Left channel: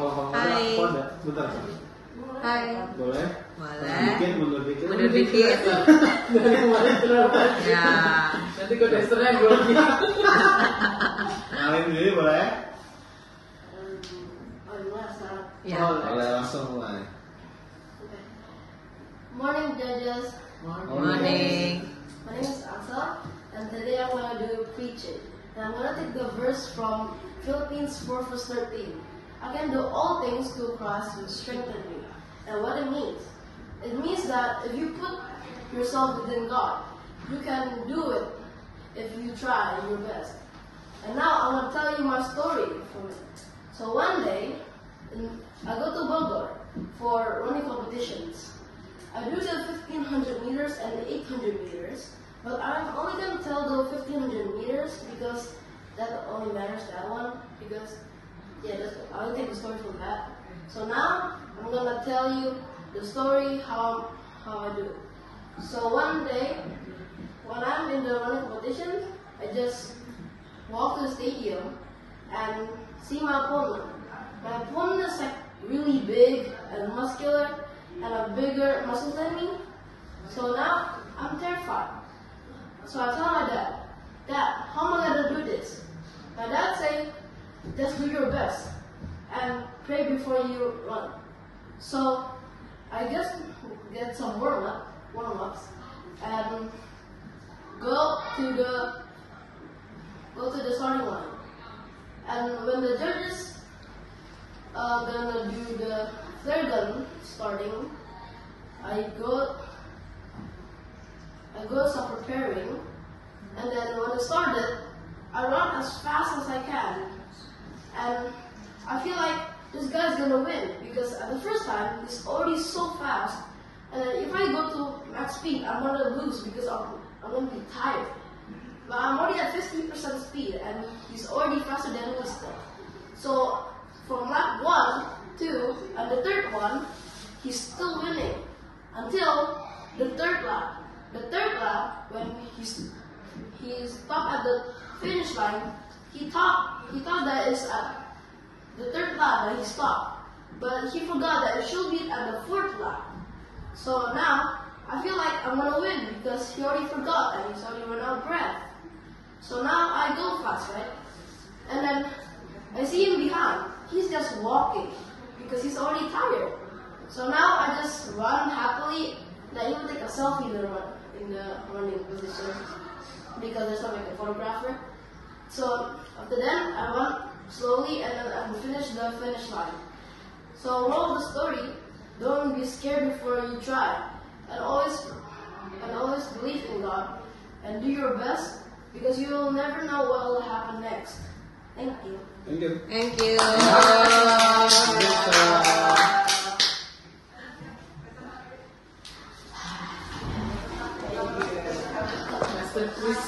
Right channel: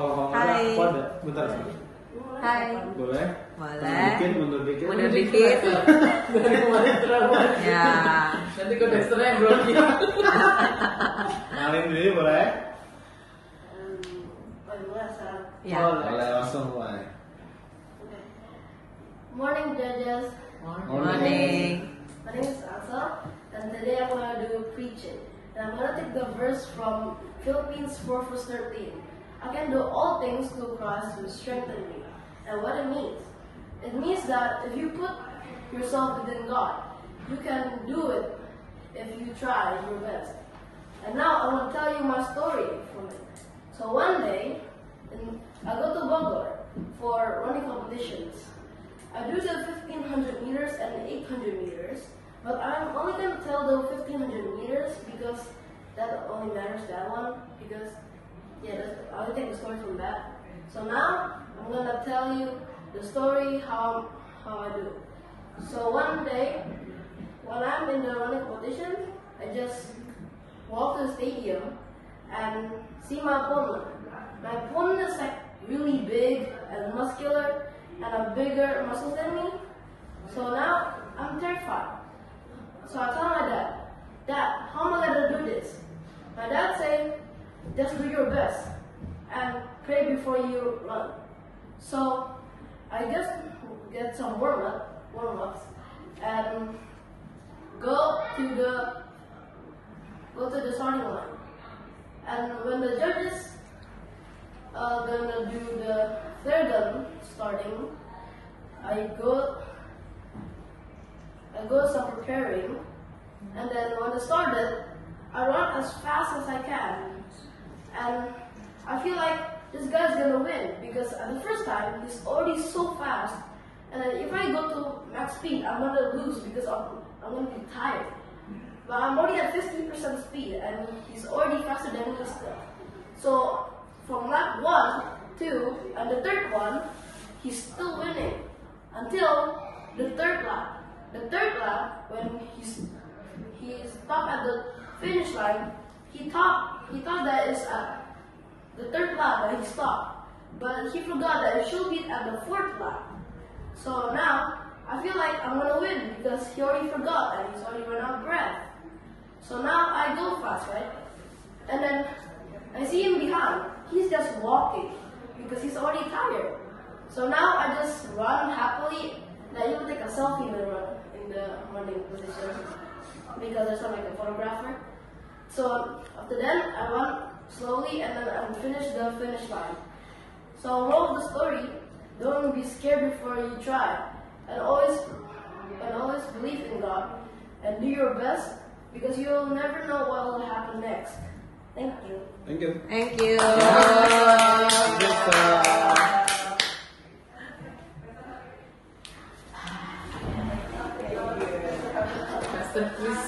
Hai. Bentar. Hai. Boleh? Boleh. Mundur dikit. Mundur dikit. Ya. Nanti ke restoran belum. Kalian dulu boleh? Ya. Boleh langsung mulai. Morning, judges. Morning. My name is Ansel, and today I'm going to do preaching. And I'm going to take the verse from Philippines 4 verse 13. I can do all things through Christ who strengthens me. And what it means that if you put yourself within God, you can do it if you try your best. And now I'm going to tell you my story from it. So one day, I go to Bogor for running competitions. I do the 1500 meters and the 800 meters, but I'm only going to tell the 1500 meters because that only matters, that one, because I only take the story from that. So now I'm going to tell you the story how I do. So one day, when I'm in the running competition, I just walk to the stadium and see my opponent. My opponent is like really big and muscular and a bigger muscle than me. So now I'm terrified. So I tell my dad, "Dad, how am I gonna do this?" My dad say, "Just do your best and pray before you run." So I just get some warm-ups, and go to the starting line. And when the judges gonna do the flare gun starting, I go start preparing, and then when it started, I run as fast as I can, and I feel like this guy's gonna win because at the first time he's already so fast, and then if I go to max speed, I'm gonna lose because I'm gonna be tired. But I'm already at 50% speed, and he's already faster than me still. So from lap 1, 2, and the third one, he's still winning until the third lap. The third lap, when he stopped at the finish line, he thought that it's at the third lap when he stopped, but he forgot that it should be at the fourth lap. So now I feel like I'm gonna win because he already forgot and he's already run out of breath. So now I go fast, right? And then I see him behind. He's just walking because he's already tired. So now I just run happily. And I even take a selfie in the running position because there's not like a photographer. So after that, I run slowly and then I finish the finish line. So moral of the story: don't be scared before you try, and always believe in God and do your best because you will never know what will happen next. Thank you. Thank you. Thank you. Master, please.